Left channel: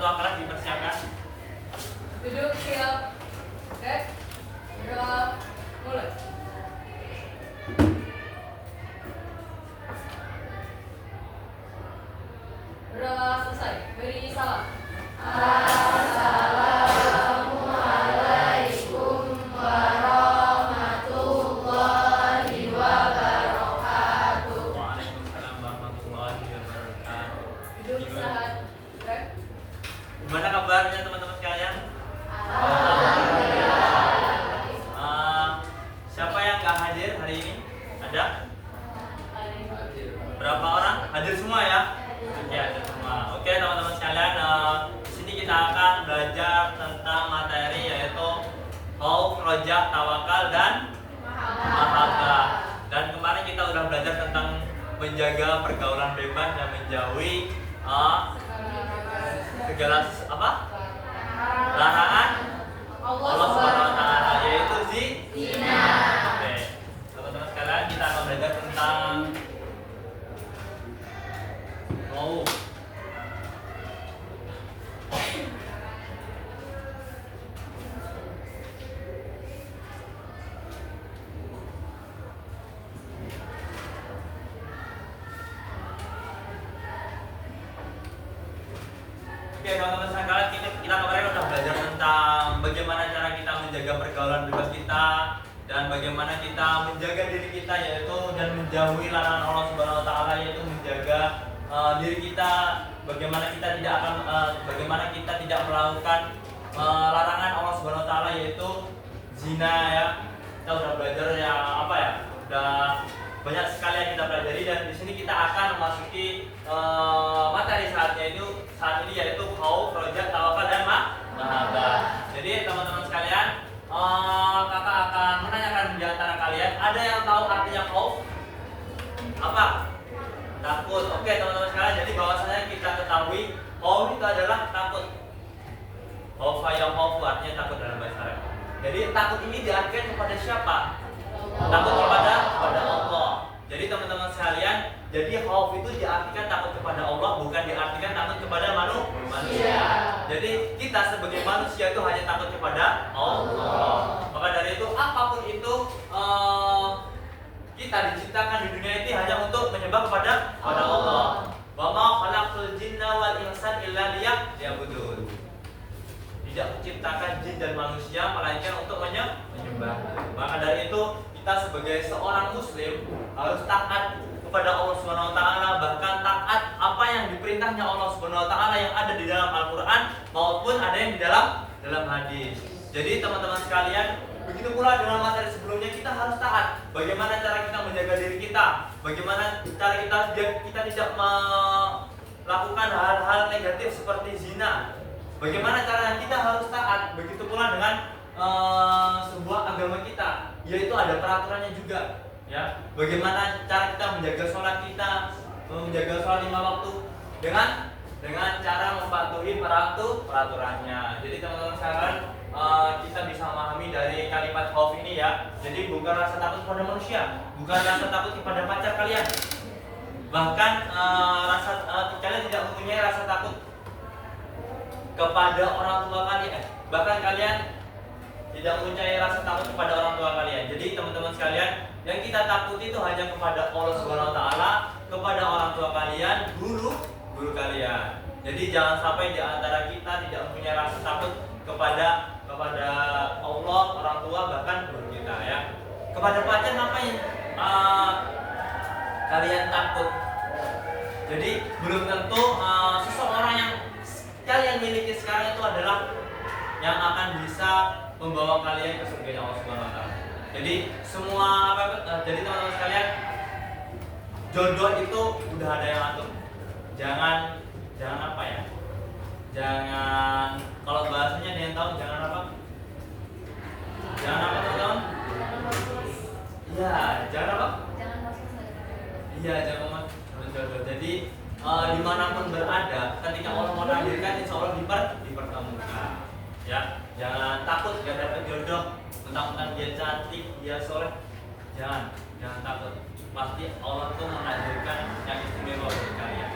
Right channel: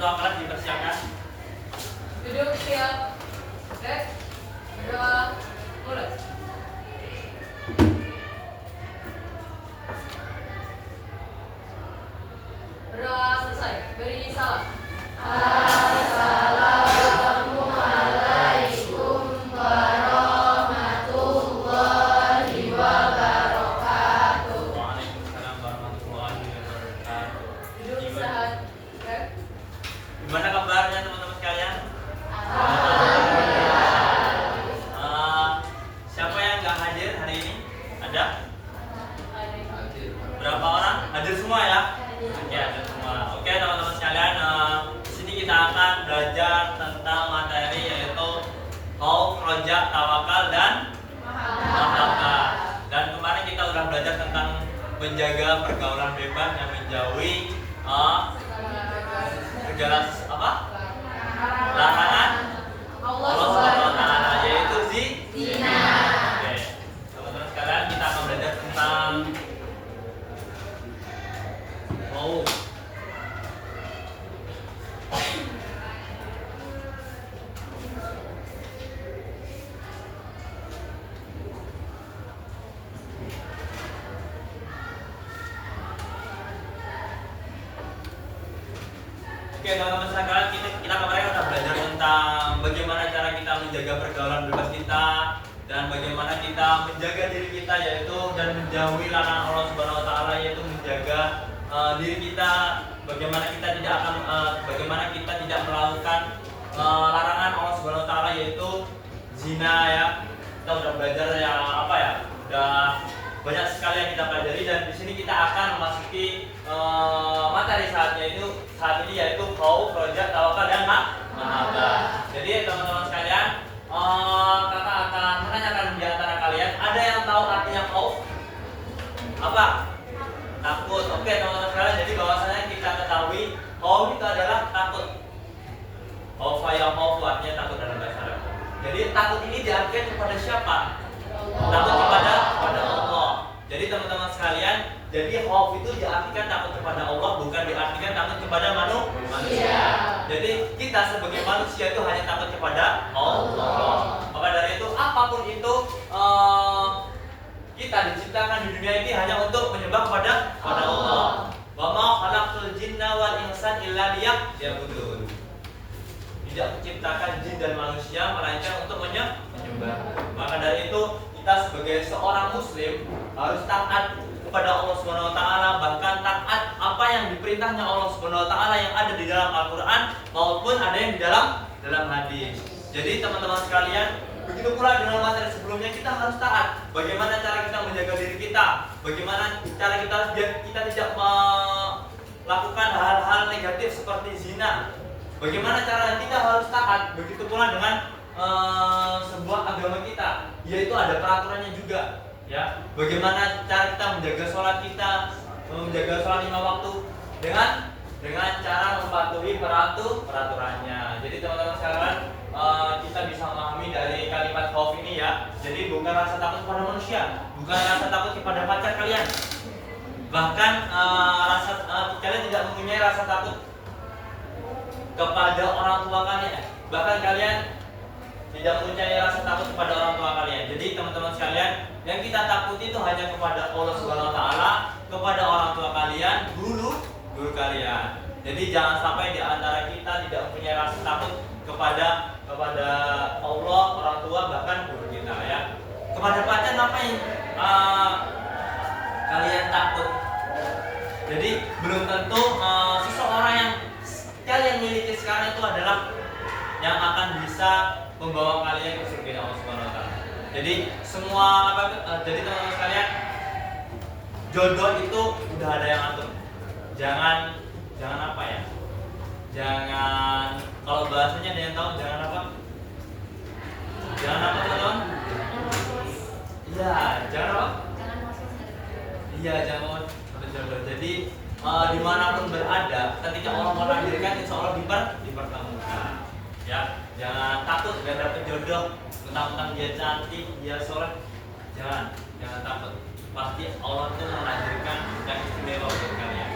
tua kelas dipersiapkan. Duduk siap. Oke. Berdoa. Mulai. Berdoa selesai. Beri salam. Assalamualaikum warahmatullahi wabarakatuh. Waalaikumsalam warahmatullahi wabarakatuh. Duduk istirahat. Oke. Gimana kabarnya teman-teman sekalian? Siapa yang nggak hadir hari ini? Ada? Berapa orang? Hadir semua ya? Oke, hadir semua. Oke teman-teman sekalian, di sini kita akan belajar tentang materi yaitu khauf, roja, tawakal, dan mahabbah. Dan kemarin kita sudah belajar tentang menjaga pergaulan bebas yang menjauhi segala larangan Allah Subhanahu wa taala, yaitu zina. Oke. Teman-teman sekalian, kita akan belajar tentang khauf. Oke teman-teman sekalian, kita kemarin sudah belajar tentang bagaimana cara kita menjaga pergaulan bebas kita dan bagaimana kita menjaga diri kita yaitu dan menjauhi larangan Allah Subhanahu wa taala, yaitu menjaga diri kita, bagaimana kita tidak melakukan larangan Allah Subhanahu wa taala yaitu zina ya. Kita udah belajar yang udah banyak sekali yang kita pelajari, dan di sini kita akan memasuki materi saat ini yaitu khauf, roja, tawakal, dan mahabbah. Jadi teman-teman sekalian, kakak akan menanyakan di antara kalian, ada yang tahu artinya khauf? Apa? Takut. Oke teman-teman sekalian, jadi bahwasanya kita ketahui khauf itu adalah takut. Khaufa ya khaufu artinya takut dalam bahasa Arab. Jadi takut ini diartikan kepada siapa? Takut kepada Allah. Jadi teman-teman sekalian, jadi khauf itu diartikan takut kepada Allah, bukan diartikan takut kepada manusia. Jadi kita sebagai manusia itu hanya takut kepada Allah. Maka dari itu apapun itu kita diciptakan di dunia ini hanya untuk menyembah kepada Allah. Wa ma khalaqtul jinna wal insan illa liya'budun. Tidak menciptakan jin dan manusia melainkan untuk menyembah. Maka dari itu kita sebagai seorang muslim harus taat kepada Allah Subhanahu wa taala, bahkan taat apa yang diperintahnya Allah Subhanahu wa taala yang ada di dalam Al-Qur'an maupun ada yang di dalam hadis. Jadi teman-teman sekalian, begitu pula dalam materi sebelumnya kita harus taat. Bagaimana cara kita menjaga diri kita? Bagaimana cara kita biar kita tidak melakukan hal-hal negatif seperti zina? Bagaimana cara kita harus taat? Begitu pula dengan sebuah agama kita, yaitu ada peraturannya juga. Ya, bagaimana cara kita menjaga sholat kita, menjaga sholat 5 waktu dengan cara mematuhi peraturannya. Jadi teman-teman sekalian, kita bisa memahami dari kalimat khauf ini ya. Jadi bukan rasa takut kepada manusia, bukan rasa takut kepada pacar kalian, bahkan kalian tidak mempunyai rasa takut kepada orang tua kalian, bahkan kalian tidak mempunyai rasa takut kepada orang tua kalian. Jadi teman-teman sekalian, yang kita takuti itu hanya kepada Allah Subhanahu wa taala, kepada orang tua kalian, guru kalian. Jadi jangan sampai di antara kita tidak mempunyai rasa takut kepada Allah, orang tua, bahkan guru kita ya. Kepada pacar ngapain kalian takut? Jadi belum tentu seseorang yang kalian miliki sekarang itu adalah yang akan bisa membawa kalian ke surga Allah Subhanahu wa taala. Jadi jadi teman-teman sekalian, jodoh itu udah ada yang atur. Jangan kalau bahasanya ada yang tahu, jangan apa teman-teman? Iya, jangan apa? Iya, jangan jodoh. Jadi dimanapun berada, ketika Allah menakdirkan, insya Allah dipertemukan. Ya, jangan takut gak dapet jodoh, mentang-mentang dia cantik, dia soleh. Jangan takut. Pasti Allah tuh menakdirkan yang istimewa untuk kalian.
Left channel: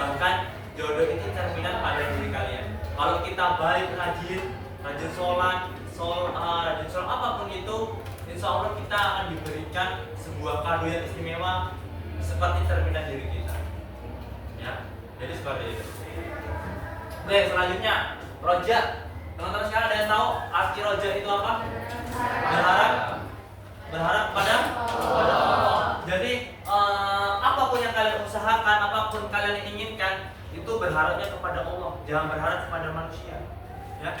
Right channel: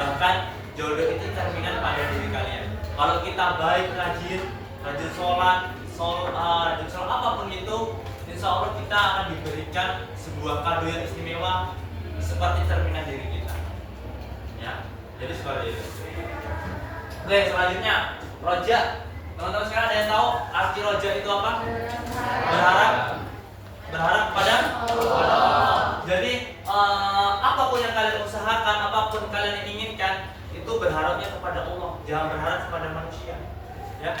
Bahkan jodoh itu cerminan pada diri kalian. Kalau kita baik, rajin sholat, rajin sholat apapun itu, insya Allah kita akan diberikan sebuah kado yang istimewa seperti cerminan diri kita. Ya, jadi seperti itu. Oke, selanjutnya roja. Teman-teman sekarang ada yang tahu arti roja itu apa? Berharap kepada Allah. Jadi apapun yang kalian usahakan, apapun kalian inginkan, itu berharapnya kepada Allah, jangan berharap kepada manusia. Ya.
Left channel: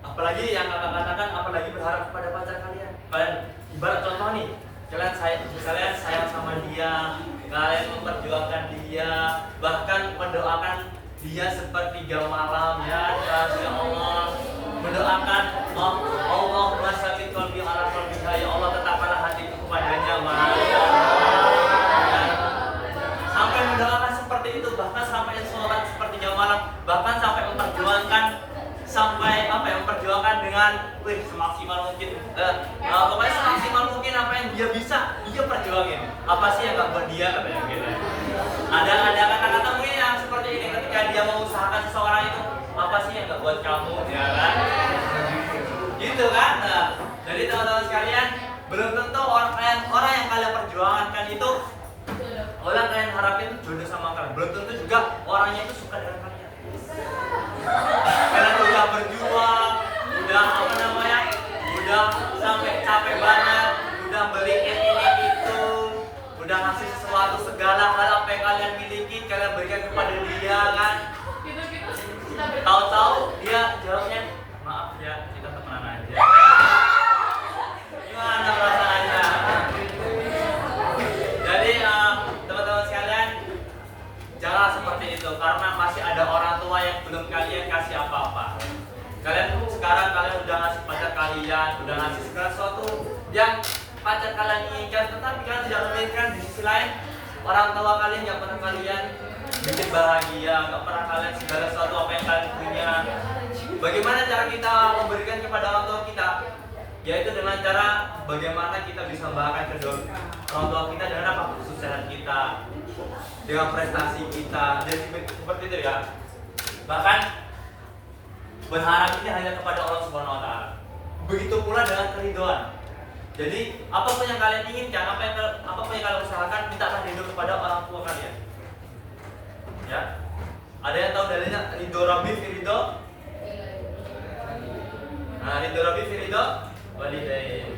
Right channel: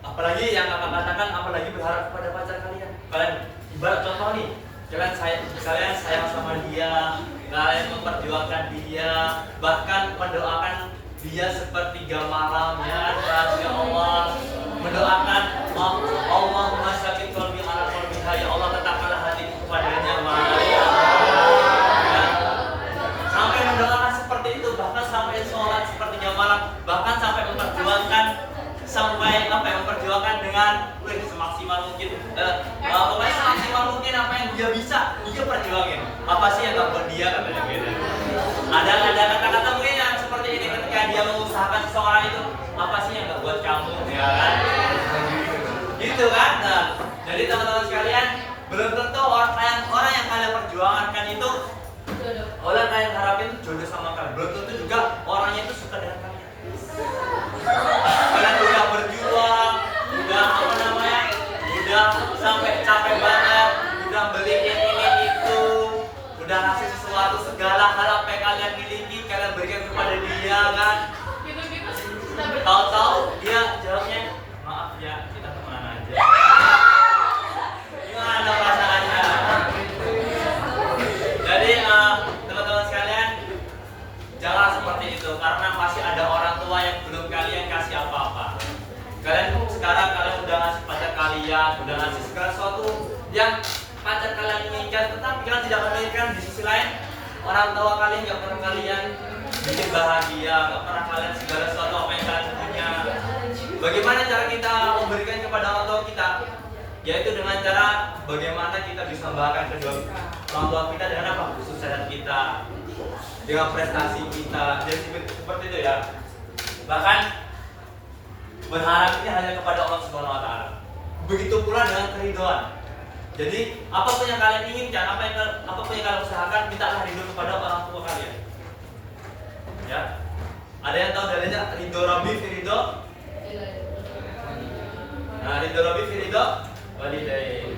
Apalagi yang akan katakan, apalagi berharap kepada pacar kalian. Kalian ibarat contoh nih, kalian sayang sama dia, kalian memperjuangkan dia, bahkan mendoakan dia sepertiga malam, ya Allah, mendoakan Allahumma sabbit qalbi ala qalbiha, ya Allah tetapkanlah hatiku kepadanya, ya. Sampai mendoakan seperti itu, bahkan sampai sholat sepertiga malam, bahkan sampai memperjuangkan memperjuangkan dengan semaksimal mungkin, pokoknya semaksimal mungkin apa yang dia bisa, dia perjuangin. Apa sih yang gak buat dia, katanya gitu. Ada kata-kata mungkin yang seperti ini ketika dia mengusahakan seseorang itu, apa sih yang gak buat kamu, ya kan? Gitu kan? Nah, jadi teman-teman sekalian, belum tentu orang yang kalian perjuangkan itu, orang kalian harapin itu jodoh sama kalian. Belum tentu juga orangnya itu suka dengan kalian. Kalian udah berjuang, udah sampai capek banget, udah beliin ini itu, udah ngasih sesuatu segala hal apa yang kalian miliki, kalian berikan kepada dia kan. Tahu-tahu dia jawabnya, maaf ya, kita temenan aja. Gimana perasaannya? Jadi teman-teman sekalian, jangan seperti itu, karena masih ada orang tua yang belum kalian kasih apa-apa. Kalian udah ngasih pacar kalian, udah ngasih segala sesuatu yang pacar kalian inginkan, tetapi kalian tidak memberikan. Di sisi lain, orang tua kalian nggak pernah kalian bikin bahagia, nggak pernah kalian segala sesuatu apa yang kalian punya. Bagaimana cara kita memberikan kepada orang tua kita? Yaitu dengan cara bagaimana kita bisa membahagiakan kedua orang tua kita dengan apa? Kesuksesan kita, dengan prestasi kita, dan seperti itu ya. Bahkan berharap ini hanya kepada Allah Subhanahu wa taala. Begitu pula dengan keridhaan. Jadi, apapun yang kalian inginkan, apapun yang kalian usahakan, mintalah ridho kepada orang tua kalian. Ya. Ada yang tahu dalilnya ridho Rabbi fi ridho? Nah, ridho Rabbi fi ridho walidain.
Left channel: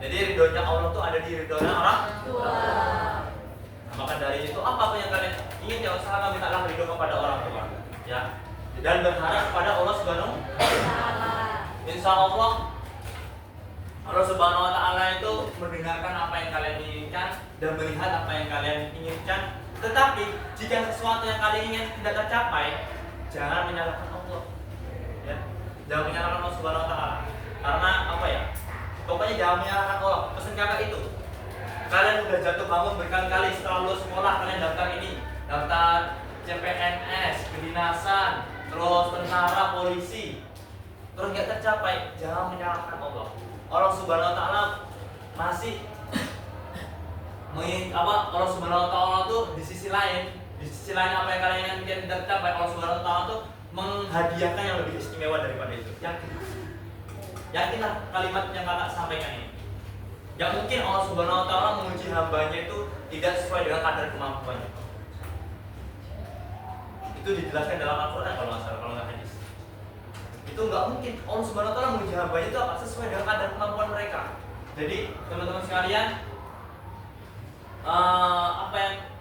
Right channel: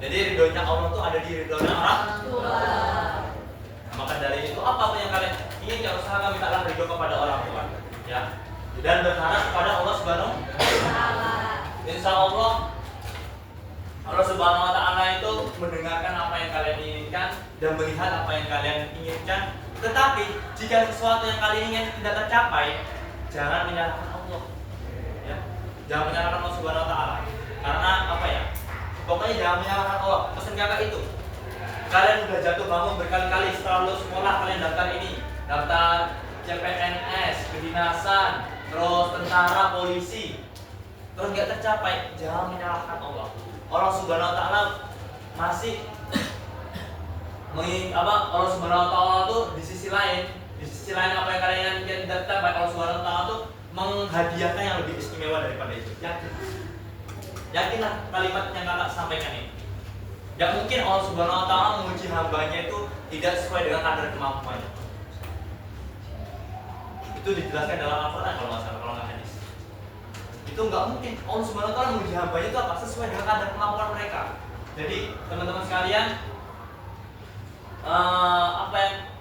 Jadi ridhonya Allah itu ada di ridhonya orang tua. Nah, maka dari itu apapun yang kalian inginkan, usahakan mintalah ridho kepada orang tua. Ya. Dan berharap kepada Allah Subhanahu wa taala. Insya Allah Subhanahu wa taala itu mendengarkan apa yang kalian inginkan dan melihat apa yang kalian inginkan. Tetapi jika sesuatu yang kalian ingin tidak tercapai, jangan menyalahkan Allah. Ya. Jangan menyalahkan Allah Subhanahu wa taala. Karena apa ya? Pokoknya jangan menyalahkan Allah. Pesan kakak itu. Kalian udah jatuh bangun berkali-kali setelah lulus sekolah, kalian daftar ini, daftar CPNS, kedinasan, terus tentara, polisi, terus nggak tercapai, jangan menyalahkan Allah. Allah Subhanahu wa taala masih Allah Subhanahu wa taala tuh di sisi lain apa yang kalian ingin tidak tercapai, Allah Subhanahu wa taala tuh menghadiahkan yang lebih istimewa daripada itu. Yakinlah kalimat yang kakak sampaikan ini. Gak mungkin Allah Subhanahu wa taala menguji hambanya itu tidak sesuai dengan kadar kemampuannya. Itu dijelaskan dalam Al-Quran kalau nggak hadis. Itu nggak mungkin Allah Subhanahu wa taala menguji hambanya itu apa sesuai dengan kadar kemampuan mereka. Jadi teman-teman sekalian,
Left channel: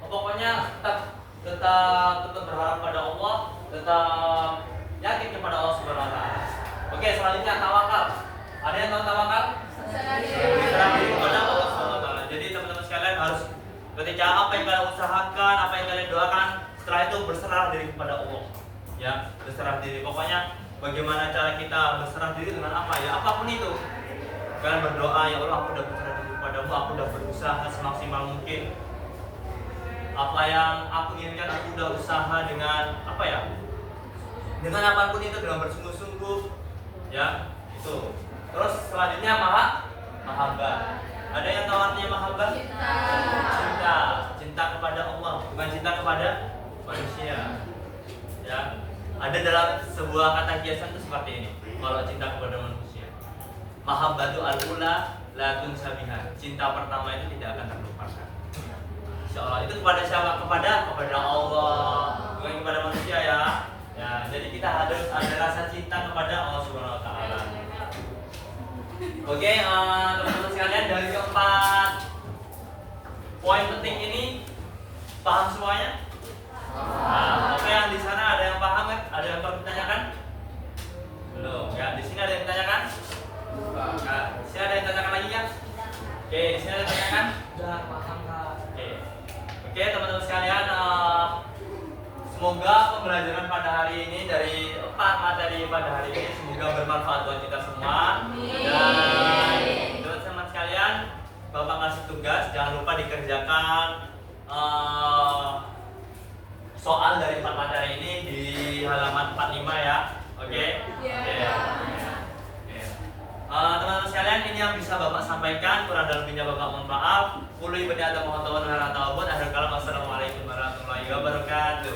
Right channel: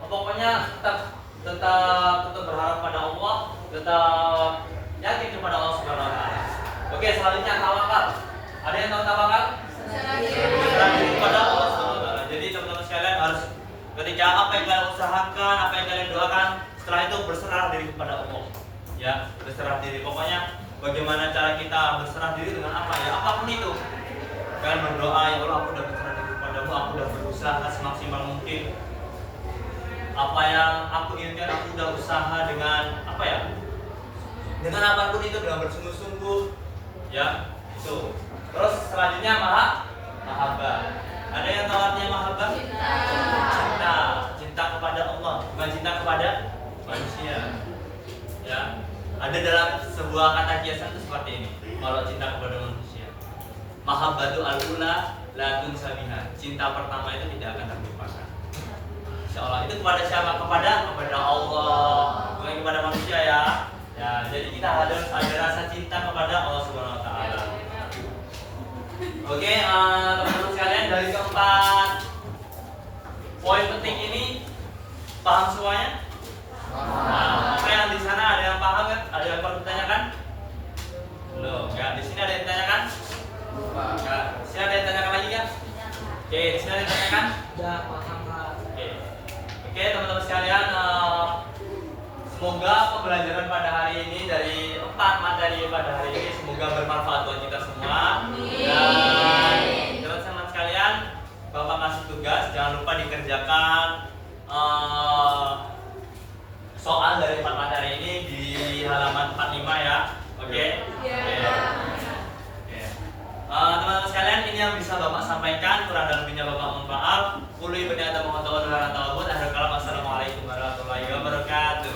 pokoknya tetap berharap pada Allah, tetap yakin kepada Allah Subhanahu wa taala. Oke, selanjutnya tawakal. Ada yang tahu tawakal? Berserah diri kepada Allah Subhanahu wa taala. Jadi teman-teman sekalian harus ketika apa yang kalian usahakan, apa yang kalian doakan, setelah itu berserah diri kepada Allah. Ya, berserah diri. Pokoknya bagaimana cara kita berserah diri dengan apa ya? Apapun itu. Kalian berdoa, ya Allah, aku udah berserah diri kepadamu, aku udah berusaha semaksimal mungkin. Apa yang aku inginkan, aku udah usaha dengan apa ya? Dengan apapun itu, dengan bersungguh-sungguh. Ya, itu. Terus selanjutnya mahabbah. Ada yang tahu artinya mahabbah? Cinta kepada Allah, bukan cinta kepada manusia. Ya. Ada dalam sebuah kata kiasan itu seperti ini. Kalau cinta kepada manusia, mahabbatu al-ula la tunsabiha. Cinta pertama itu tidak akan terlupakan. Insya Allah. Itu kepada siapa? Kepada Allah, bukan kepada manusia ya. Ya, jadi kita harus ada rasa cinta kepada Allah Subhanahu Wa Taala. Oke, teman-teman sekalian, dari keempat poin penting ini paham semuanya? Nah, oke, yang di sana ada yang paham kan? Ada yang perlu ditanyakan? Belum. Ya, di sini ada yang ditanyakan? Ya, di sini ada yang ditanyakan lagi ya? Oke, di sini ada yang ditanyakan? Sudah paham, Pak. Oke, teman-teman sekalian, semoga pembelajaran pada hari ini dari 4 materi pada hari ini semoga bermanfaat buat kita semua. Dan teman-teman sekalian, Bapak kasih tugas, jangan lupa dikerjakan soal dari 4 materi ini di halaman 45 ya. Oke? Teman-teman sekalian, ini yang bisa Bapak sampaikan. Kurang dan lebihnya Bapak mohon maaf. Assalamualaikum warahmatullahi wabarakatuh.